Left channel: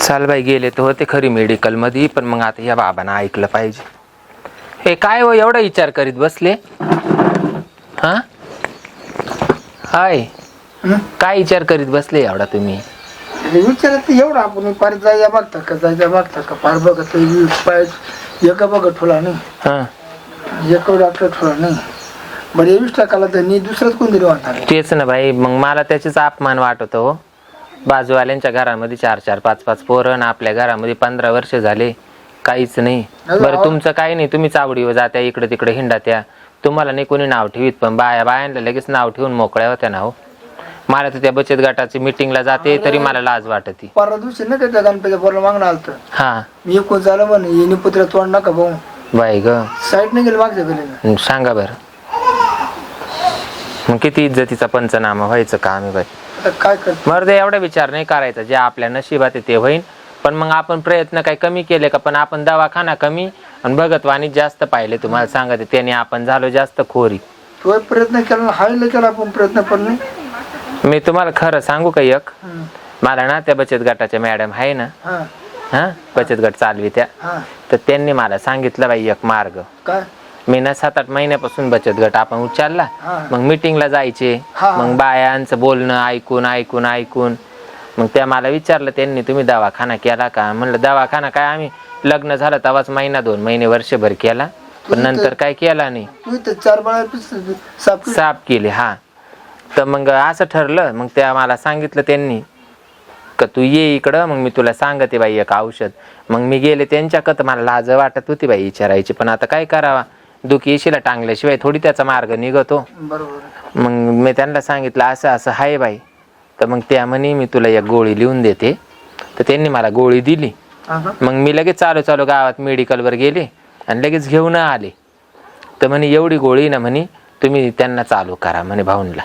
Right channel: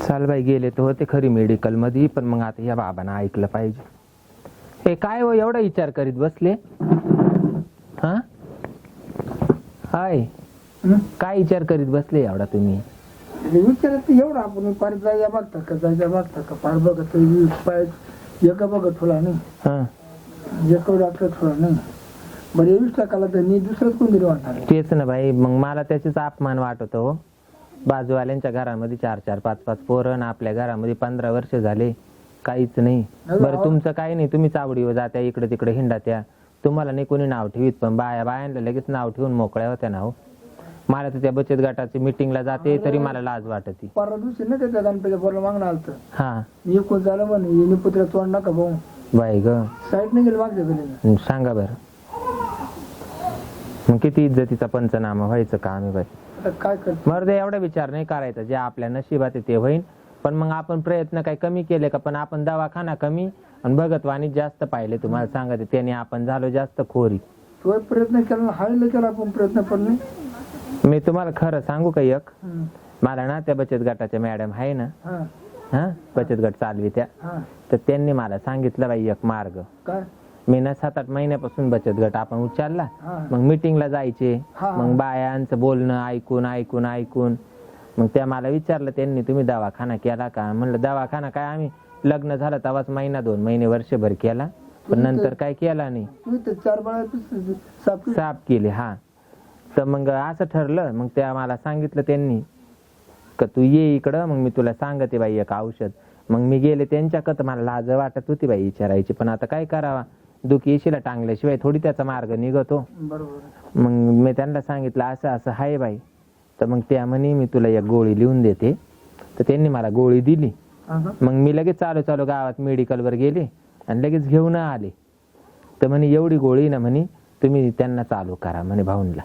चाल बाई गेले तर होते खरी मेडिकलमध्ये पण मग आता या बाबांना ऐकलं पाहिजे. हे काय हो एवढा विचार करीत बसले? हा? हाय? काय विचार करीत बसले एवढा तुम्ही? विचारत एवढं आपण पार जायला बघता का जायला बघता का? पार बघत पाय एका बघत ठेवला नाही. हा. एक डॉक्टर ठेवला नाही. बरं वीस टाकाला तर मी दुसरंच कोणतरी वाटणार तेच ना बाई मग मला त्याचेच अपमान वाटत हो. बाजूवाल्यांच्या घरामध्ये चार चार पाच पाच पोरं आणि आपल्या घरामध्ये पंधरा वर्ष झाले. काहीच नाही. बरं तुमचं काही नाही. तुम्ही चावडीवर जात्या इकडे तिकडे हिंडात्या. तुम्हाला नाही कोणी नाव ठेवीत पण बाया बायांना लगेच नाव ठेवून मोकळ्या होत्या ना हो. मला तर त्या बचत गटाची मिटिंगला जाते तरी मला लाज वाटते. परवा दिवशी ना त्या गणपती पोरला मागणं आलं हा. मी एकूण झालं म्हणे येणे पुत्र तोंड नका भाऊ बाई ग. साईड नाही गेलं मागच्या गलीला. सांगा बरं. मग किती इज्जतीचा पंचनामा व्हायचं काम आहे बाई. आता काय करतो मर्द एवढा विचार नाही करायचा जे आपल्या नशिबात आहे ते होईन. पण मग आपण प्रयत्न काही कमी केले का? पण आपण दवाखाना कमी आणि भगतवाणी जास्त पाहिले तुम्हाला सांगते. त्याने आपण झालो जास्त खोरी. तो प्रयत्न केला ना हायला केला आपण प्रयत्न पण नाही? मी तुम्हाला खरं सांगू का एक? हं. मला ना त्या बचत गटाच्या मॅडम आहे ना हा. हा? बचत गट चालवी त्या. हा. तर त्यांनी मला सांगितलं बाई एक मार्ग. काय? मी ना सात आठ महिन्यापासून बचत गट आपण उचलला. हा. मग मिटिंगला जायचे. हा. मग बायांचं बोलणं ऐकून ऐकून ऐकून. मग त्या मला विचारलं त्यांनी तुम्ही दवाखाना केला का? म्हणलं दवाखाना काय? आम्ही लग्न झालं तेव्हाच महिना दोन महिने वर्षभर केला. पण नंतर काय केला नाही. तू इथं चार बाळा साप साफ केले हा. तर मग असं ठरलं. मग त्या मला सांगितलं त्यांनी का तू ये इकडं मग मी तुला सांगते बाई एक औषध. मग मी गेले त्यांच्याकडं मला लाज वाटत होती बाई विचारायची. पण आता काय करावा? दुखी येशीला टांगल्याशिवाय थोडी त्याचा मार्ग निघतो. बरोबर. मग मी त्यांना सांगितलं असं असं आहे बाई. तर मग त्या म्हणे मी तुला एक गोळी लिहून देते. तर त्यांनी मला गोळी दिली? मग मी लगेच चालू चालू गावात मेडिकलवर गेले आणि लगेच घेऊन आले. तर म्हणे एवढी गोळी ना म्हणे तुम्ही त्यांना चालू करा म्हणे भाऊनला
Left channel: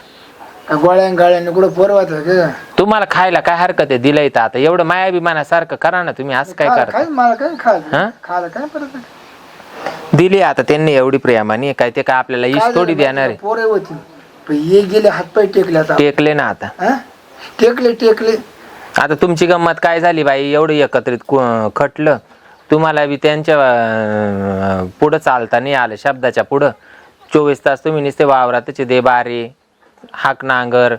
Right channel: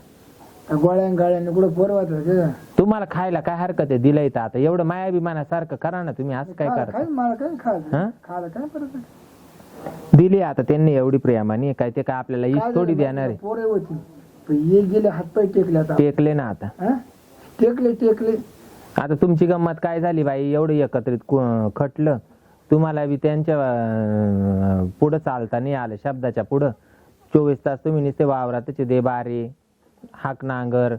का गोळ्या गाळ्याने कुठं पोरवायचं का? तुम्हाला खायला काय हरकत आहे? दिलंय तर आता. एवढं मायाभिमानासारखं करा ना तुम्ही असं काय खा- करता? काय मला काय हा? खायला काय परत? दिली आता त्यांनी एवढी प्रेमाने. काय ते काय आपल्याला इश थोडी देणार आहे. पोरे होती. पण ये गेले हातपाय टेकले आता. टेकले ना आता. हा? टेकले टेकले. आता तुमची गंमत काय झाली बाई? एवढं एकत्रित कु- खटलं. तुम्हाला बी त्यांच्या अं, पुढं चालता नाही आलं शब्दाच्या पुढं. चोवीस तास तुम्ही नुसते वावरातचे दे बारे हाक नांगर.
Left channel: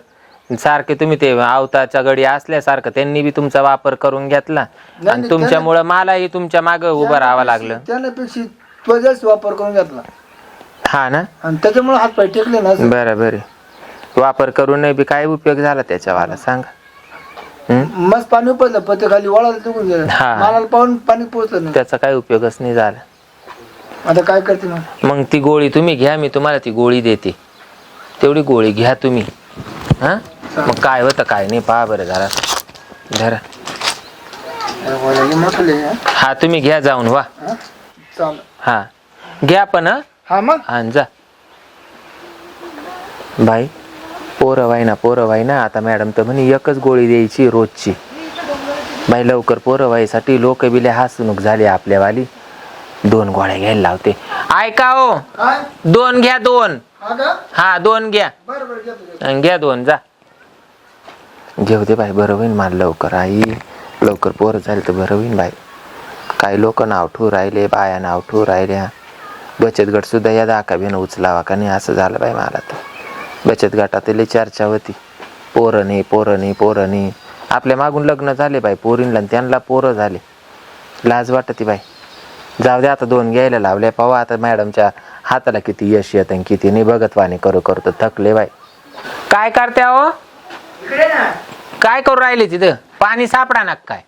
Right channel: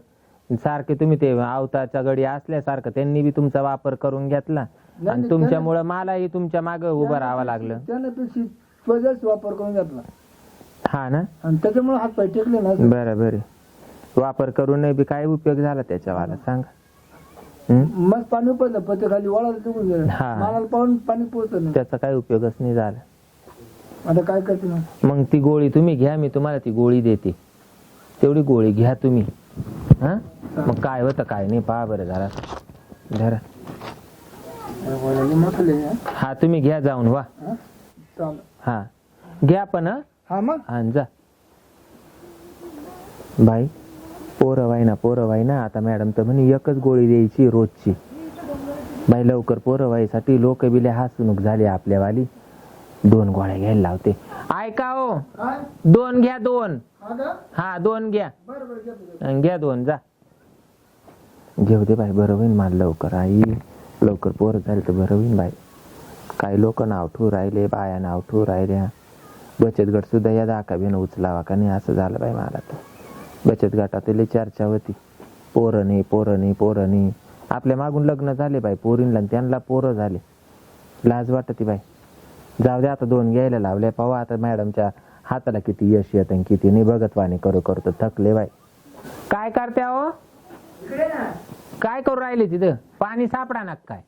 सारखे तुम्ही ते आवताच्या गडी असल्यासारखं त्यांनी बी तुमचा वापर करून घेतला. आणि तुमच्यामुळं मलाही तुमच्या मागं उभं राहावं लागलं. त्यापेक्षा तो जास्त वापर करून घेतला. हा ना? आणि त्याच्यामुळे हातपाय टेकले ना बरं बरं. वापर करून बी काय उपयोग झाला त्याच्यावाला? सांगा. हम्म? मस्त पाणी पडलं पत्ते खाली वळाला तिकून गेलं. हा. पाहून पाणी नाही. त्याचा काय उपयोगच नाही झाला. आता काय करते मग? मग ती गोळी तुम्ही घ्या मी तुम्हाला ती गोळी देते. तेवढी गोळी घ्या तुम्ही. हा? मग काय होतं काय नाही पहा बरं जरा. धरा. हा? हा तुम्ही घ्या जाऊन वा. हा? हा. घ्या पण हा. हा मग? हा जा. बाई पोरं ना पोरं ना आता मॅडम तर म्हणे एकच गोळी द्यायची रोजची. बाई लवकर पोरं वाईसाठी लोक बिले हसणूक झाली आपल्यावाली. दोन गोळ्या घ्यायला लावते. ऐका हो. काय? दोन घ्या दोन. हा का? हा दोन घ्या. बरं बरं घेतो घेतो. अन घ्या दोन जा. घेऊ दे बाई बरं होईन मला लवकर आई. लवकर पोरं झाली तर बरं होईन बाई. काही लोक नाव ठेवू राहिले बाया नाव ठेवू राहिल्या. बचत गट सुद्धा या दाका बिन उचलावा का नाही असं झालं बाई मला तर. बचत गटात लई चर्चा होती. पोरं नाही पोरं नाही पोरं नाही आपल्या मागून लग्न झाले बाई पोरींला आणि त्यांना पोरं झाले. लाज वाटते बाई. जाऊ दे आता दोन घ्यायला लावले पाहू आता मॅडमच्या हाताला किती यश येत आणि किती नाही. बघत वाणी करू करू तर थकले बाई. काय करते हो काय करू राहिले तिथं? पाणी सापडा ना काय?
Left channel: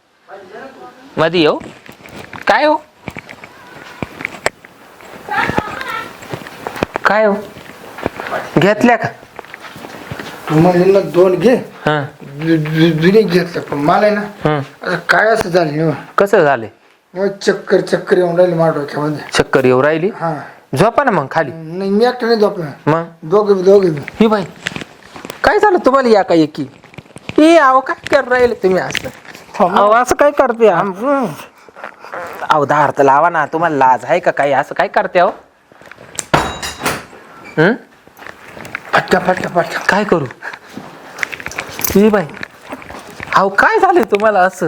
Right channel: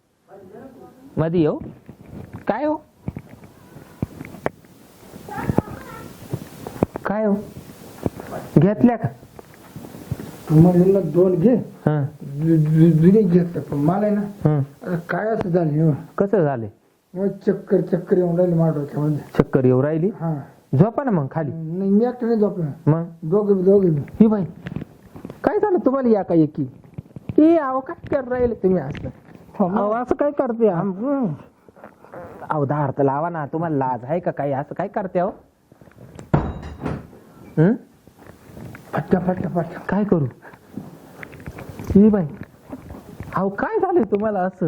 मध्ये येऊ. काय हो? काय हो? घेतल्या का? म्हणले ना दोन घे. हं. जुने घेतलं पण मला आहे ना हं. आता काय असं झालं हो. कसं झाले? मग चक्कर चक्कर येऊन राहिली माझ्या डोक्यामध्ये चक्कर येऊ राहिली? हा. झोपा ना मग खाली. नाही मी एकटं नाही झोपलं. मग? दोघे दोघे बी. ही बाई. काय झालं तुम्हाला या काय एकी? ए अहो काय कर राहिले तुम्ही असं? अहो असं काय करते? अहो तर लावा ना. तुम्हाला लाज आहे का काही? असं काय करते अहो? हं? फटका फटका फटका. काय करू? ही बाई. अहो काय झालंय तुम्हाला असं?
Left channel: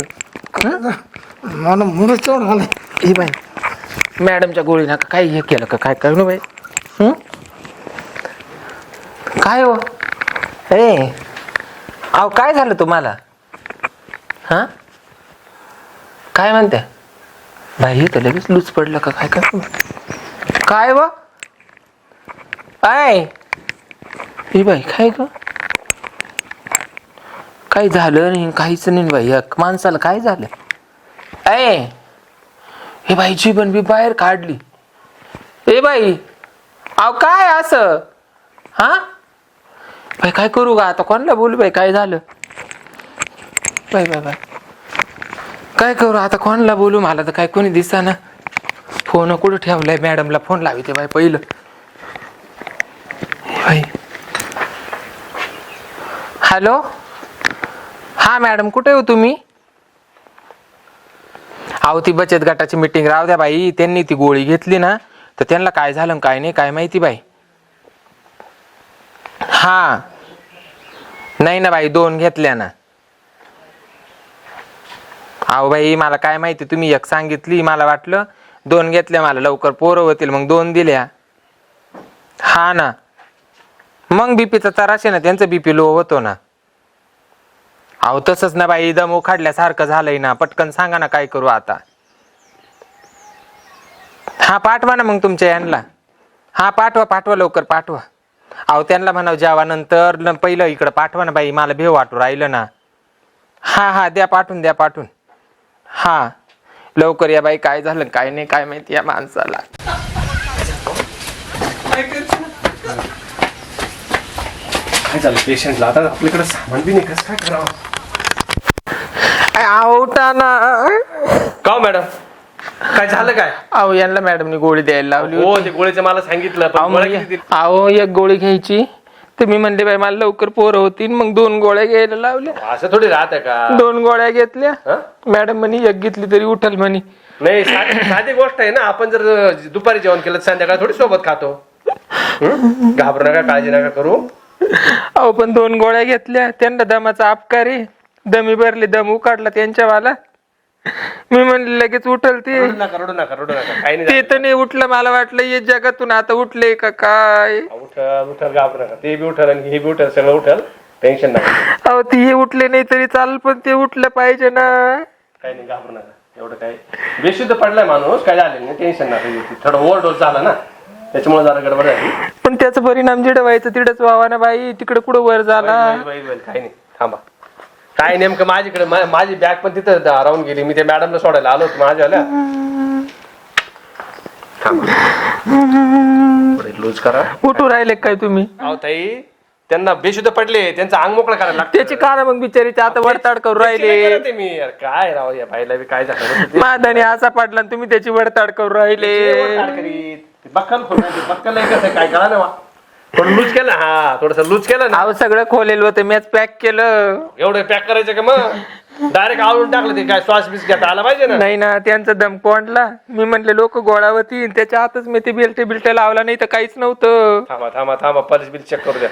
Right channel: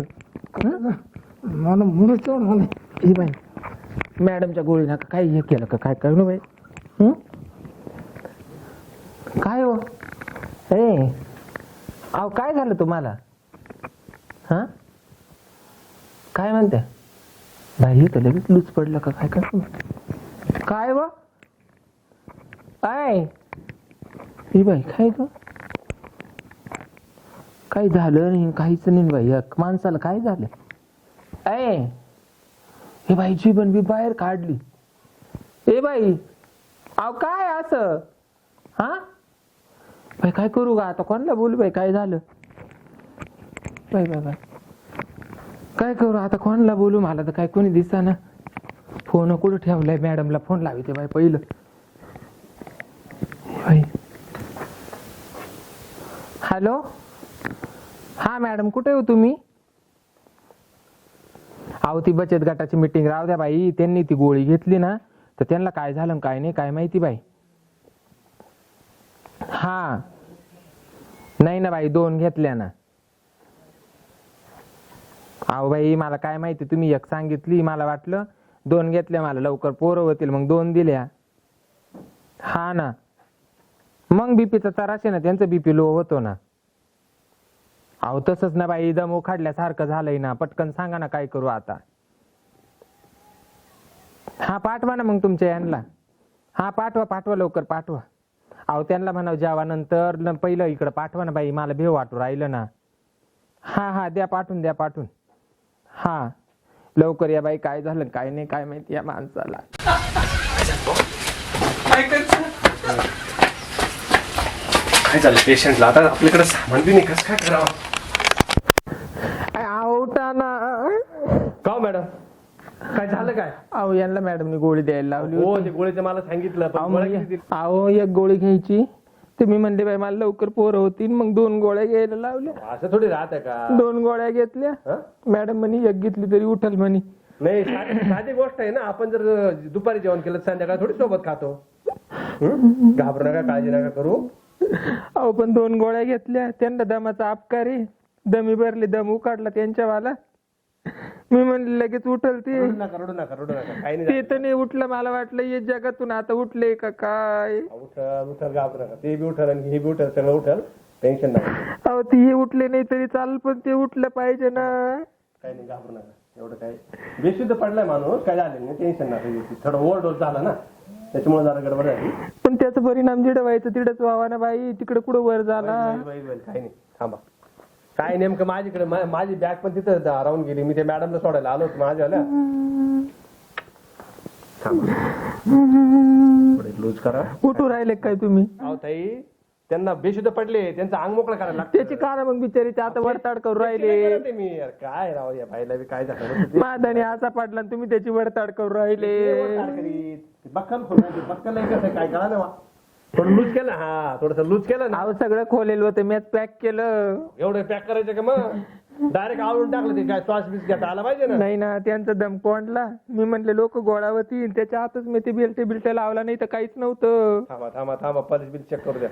मला मुलं चढ आलं ही बाई मॅडमच्या गोळी नका. काय हे केलं का? काय करू बाई? हं? काय हो? ए अहो काय झालं तुम्हाला? हा? काय म्हणते? बाई तर लगेच लूज पडलं का? काय काय काय व? आय! ही बाई काय ग? काही झालं नाही काहीच नाही बाई. माणसाला काय झालं? ऐ हे बाई जीवन बी बाहेर काढली. ए बाई! अहो काय असं? हा? बाई काय करू का आता? कोणाला बोलू बाई? काय झालं? बाई बाय बाय काय करू? आता कोणाला बोलू? मला तर काय कोणी दिसा ना फोन कुठं ठेवलाय? मॅडमला फोन लावी ते बाई पहिलं. हॅलो? हा मॅडम कुठे हो तुम्ही? अहो ती बचत गटाची मिटिंग राहू द्या बाई. त्यांनी ती गोळी घेतली ना तर त्यांना काय झालं काय नाही काय माहिती बाई. हा. नाही ना बाई दोन घेतल्या ना. अहो बाई मला काय माहिती तुम्ही एक सांगितली मला वाटलं दोन घेतल्या मला लवकर पोरं होतील मग दोन दिल्या. हा ना. मग बीपीचा त्रास आहे ना त्यांचं बीपी लो होतो ना. अहो तसंच ना बाई दम उखाडल्यासारखं झालंय ना. पटकन सांगा ना काय करू आता. हा पाठवा ना मग तुमच्या यांना. हा पाठवा पाठवा लवकर पाठवा. अहो त्यांना म्हणाव जेवानंतर न पहिलं इकडं पाठवा ना बाई मला भेव वाटू राहिलं ना. हा हा द्या पाठवून द्या पाठवून. हा. लवकर या बाई काय झालं काय नाही काय माहिती या माणसाला. काय झालं पेशंटला आता आपल्याकडे सामान बी नाही कसं काय करावं? आवटा ना का हो मॅडम काय झालं काय? अहो यांना मॅडमनी गोळी द्यायला लावली हो ते गोळीचं मला सांगितलं पण किती? अहो एक गोळी घ्यायची. तर मी म्हणले बाई मला लवकर पोरं होतील. मग दोन गोळ्या घ्यायला लावल्या. असं थोडी राहत का? दोन गोळ्या घेतल्या. हं? मॅडम म्हणे एक घेतली तरी उठल म्हणे. नाही साधी साधी गोष्ट आहे ना आपण जर दुपारी जेवण केलं तर संध्याकाळी थोडी सोबत खातो. हं? घाबरू नका काळजी नका करू. अहो पण दोन गोळ्या घेतल्या. त्यांना दमाचा अपकारी दमी भरली दम उकाडला त्यांच्यावाला. मी म्हणले लगेच उठल ते रडू नका रडू नका रडू नका. काही नाही ते तर नाही उठलं मला वाटलं ये जगातून आता उठले का काय? झालं. उठल उठल घाबरू नका. ते बी उठल आणि हे बी उठल सगळं उठल. टेन्शन नका अहो ते हे उठले नाही तरी चालेल पण ते उठलं पाहिजे ना. काही नाही घाबरू नका. एवढं काय बेशुद्ध पडलाय माणूस काय झालं नाही टेन्शन नका घेऊ. थोडं ओव्हरडोस झाला ना. त्याच्यामुळे जरा गडबड झाली. पण त्याचा परिणाम जिडं व्हायचं तिडच व्हावा ना बाई. तिकडे कुठं वर झाला. बैल, बैल, बैल, काही नाही. थांबा. काय नेमकं माझ्याकडे? मा- माझी बॅग पण तिथं दा- राहून गेली. मी त्या मॅडमला सोडायला आलो होतो. माझ्यावाल्या लूज करा. उठू राहिले काय तुम्ही? अहो ताई त्यांना बेशुद्ध पडले. त्यांचं अंग मोकळं करायला लागतं. त्याची कारण मग बिचारीचे आता वडताड करू नाही राहिले. मी. यार काय राव या बाईला बी काय झालं? मादाने असा पाडला आणि तुम्ही त्याची वडताड करू राहिले. बक्कल खोल बक्कल आहे. कसं काय करा ना थोडं लूज केलं? हा थोडस लूज केलं ना. अहो सगळं खोलेल होतं मॅच पॅक केलं. एवढं पॅक करायचं का मग? डायरेक्ट आवडून टाकलं ते काय श्वास बीस घेता आला पाहिजे ना? नाही ना त्यांचा दम कोंडला मी म्हणले लोक गोळावती त्याच्या हातच मी ते बिलटे बिलटे लावला नाही तर काहीच नव्हतं. थांबा थांबा थांबा पल्स बिल चेक करू द्या.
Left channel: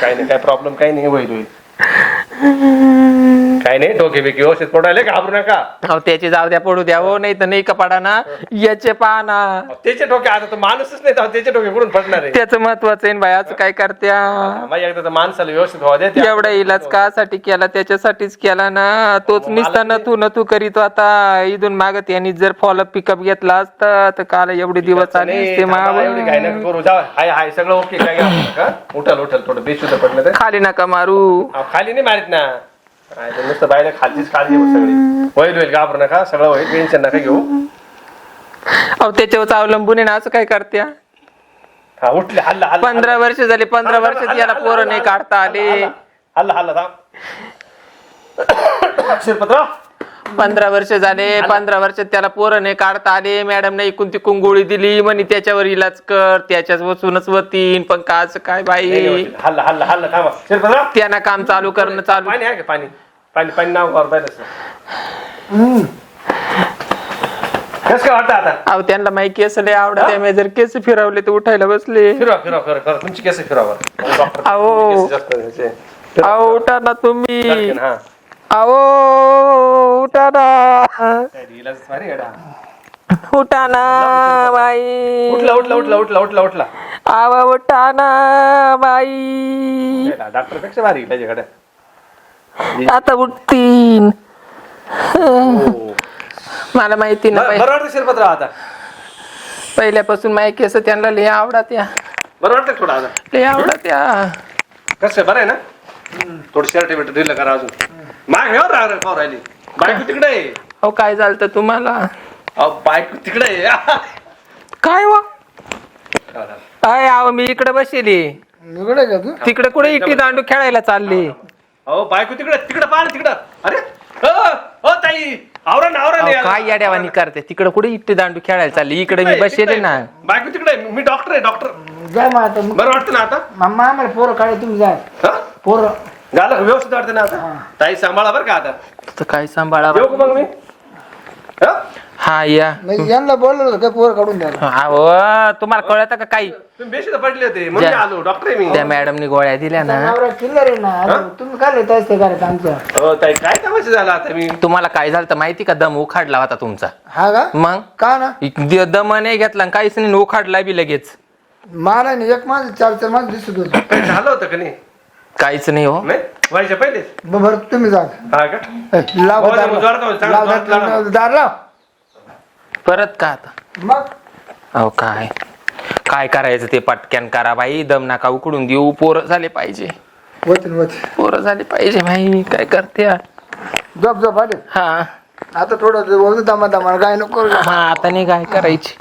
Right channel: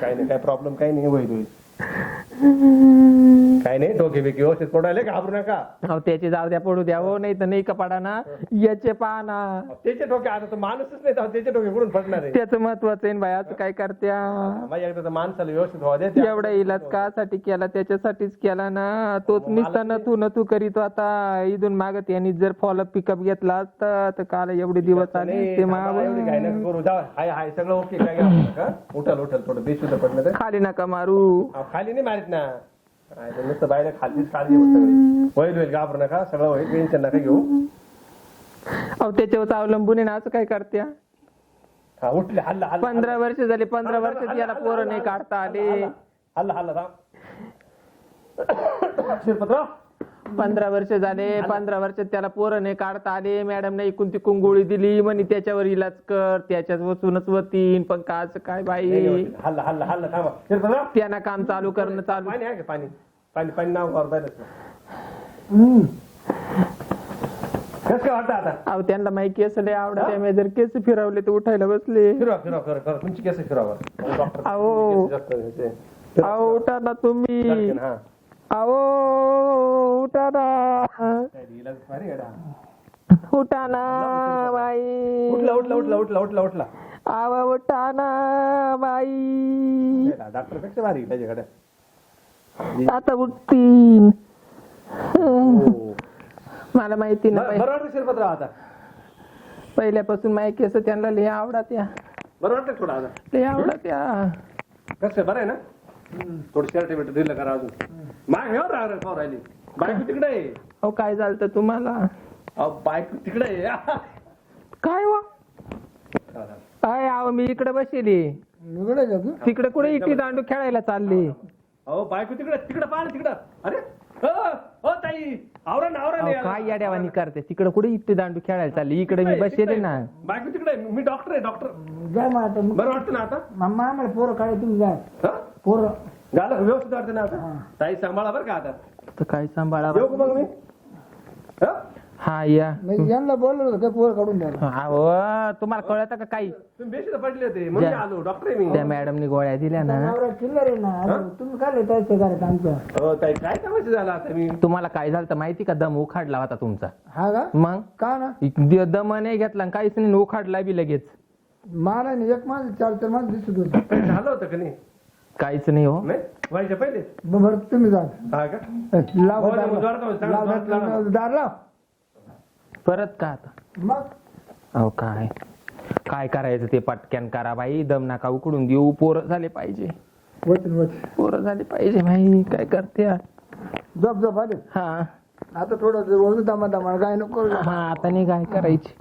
काही नाही काय प्रॉब्लेम काही नाही होईल होईल. काही नाही डोके बिके व्यवस्थित पडायला घाबरू नका. अहो त्याची जाऊ द्या पडू द्या हो नाही तर नाही कपाडा ना याचे पाना. त्याचे डोके आता तो माणूसच नाही तर त्याचे डोके कुठून पडणार. आहे त्याचं महत्वाचं आहे बायाचं काय करत्या? माझ्या एकदा तर माणसाला व्यवस्थित व्हावं द्या त्या- एवढा इलाज कासाठी केला त्याच्यासाठीच केला ना. तोच निसता नथू नथू करीत आता इथून मागत यांनी जर फॉलोअप पिकअप घेतला असता तर काल एवढे दिवस आले नाही, असते थांबा, एवढी घाई माव नका करू जा हाय हाय सगळं ओके काय घाबरू नका. उठल उठल थोडं बेशुद्ध पडलं तर. खाली नका मारू. अहो, खाली नाही मारित ना. नुसतं बायला खालचीच काळजी आहे सगळी. होईल होईल घाबरू नका? सगळं होईल. टेन्शन नका घेऊ? अहो त्याच्यावर अवलंबून आहे ना असं काय करत्या हा उठले. हल्ला हल्ला पंधरा वर्ष झाली पंधरा वर्षात याला पोरं नाही काढता आले. हल्ला हल्ला थांब. शिरपत्र पंधरा वर्ष झाले पंधरा वर्षात त्याला पोरं नाही काढता आले मॅडम ने इकून तिकून गोळी दिली म्हणे त्याच्यावर इलाज कर त्याच्याच वसूनच वतीन पण काच काय बाई? हल्ला हल्ला हल्ला थांबा. त्यांना काम चालू करणं चालू. पाणी आहे का? पाणी पाणी पाणी नाव वर पाहिलं कसं काय वाटतं आता? अहो त्यांना माहिती केस लय आवडत त्यामुळे जर केस फिरवले तर उठायला बसले. फिरवा तुमची केस फिरवा अहो. अहो उठा ना तुम्ही. हा. उठा ना काय इलाज भारी आहे गड्या. उठा ना बाई. उठला उठला उठला उठला उठला उठला. आवा उठा ना बाई डॉक्टरपेक्षा भारी इलाज आहे गड्या. आता उठतीन. मला माहिती ना बरं बरं वाटतं शिरपत्र आता. पहिल्यापासून माहिती केस त्यांना लय आवडत या. बरं वाटतं थोडं आता? लय आवडत या. कसं बरं आहे ना? थोडं शर्ट बिर्ट दिलं करा अजून. माग हे राह खाऊ राहिली बायको तिकडे आहे. अहो काय झालं तुम्हाला? अहो, बायको तिकडे आहे. काय वा? काय आव मी इकडे बसली. का तू? तिकडे कुठे इटी दांडू खेळायला चालली? अहो बायको तिकडे तिकडे पाहा ना तिकडं. अरे अ, अ, ताई. आवरा ना आवरा अहो, काय याड्यावानी करते? तिकडे कुठे इट्टी दांडू खेळायला चालली? इकडे मी बसले ना. बायको तिकडे आहे. मी डॉक्टर आहे डॉक्टर जा मग आता. बरं वाटतं ना आता? मामा आम्हाला पोरं काढे तुम्ही जा. हा? पोरं का? व्यवस्थित वाटतं ना आता? ताई सांभाळा बरं का आता? तर काय सांभाळा येऊ का मग मी? हा? हा या. म्हणजे यांना बोललो होतं काय पोरं काढून द्यायला. अहो तुम्हाला कळत का काही? तुम्ही बेशुद्ध पडले होते म्हणून जा. आलो डॉक्टर आहे मी. त्या मॅडमनी गोळ्या दिल्या ना. नवरा आहे ना अरे तुम्ही काय लिहिता असते घरात आमच्या हो ताई काय तमाशा झाला आता मी? तुम्हाला काय झालं तर माहिती का? दम उखाडला होता तुमचा. हा का? मग? का ना? द- दम नाही घेतला आणि काहीच नाही उखाडला बी लगेच. मला नाही एक माझं चार चार माझं दिसत होतं. काही झालं होतं का नाही? काहीच नाही हो. नाही व्हायच्या पहिलेच ब- बरं तुम्ही जा. हा का? ए, लाव हो, दार मग जोरात लाव. चांगलं लाव जोरात दार- लाव. दार लाव. परत का आता? मग? अहो काय? काय करायचं ते पटक्यान करा बाई दम नका उकडून देऊ पोरं झाले पाहिजे. होतील पोरं झाले पाहिजे बाई काय करते? हा? झोप झोप आले. हा. आता थोडं दमा दमा काय नको. हा आता नाही काय करायची.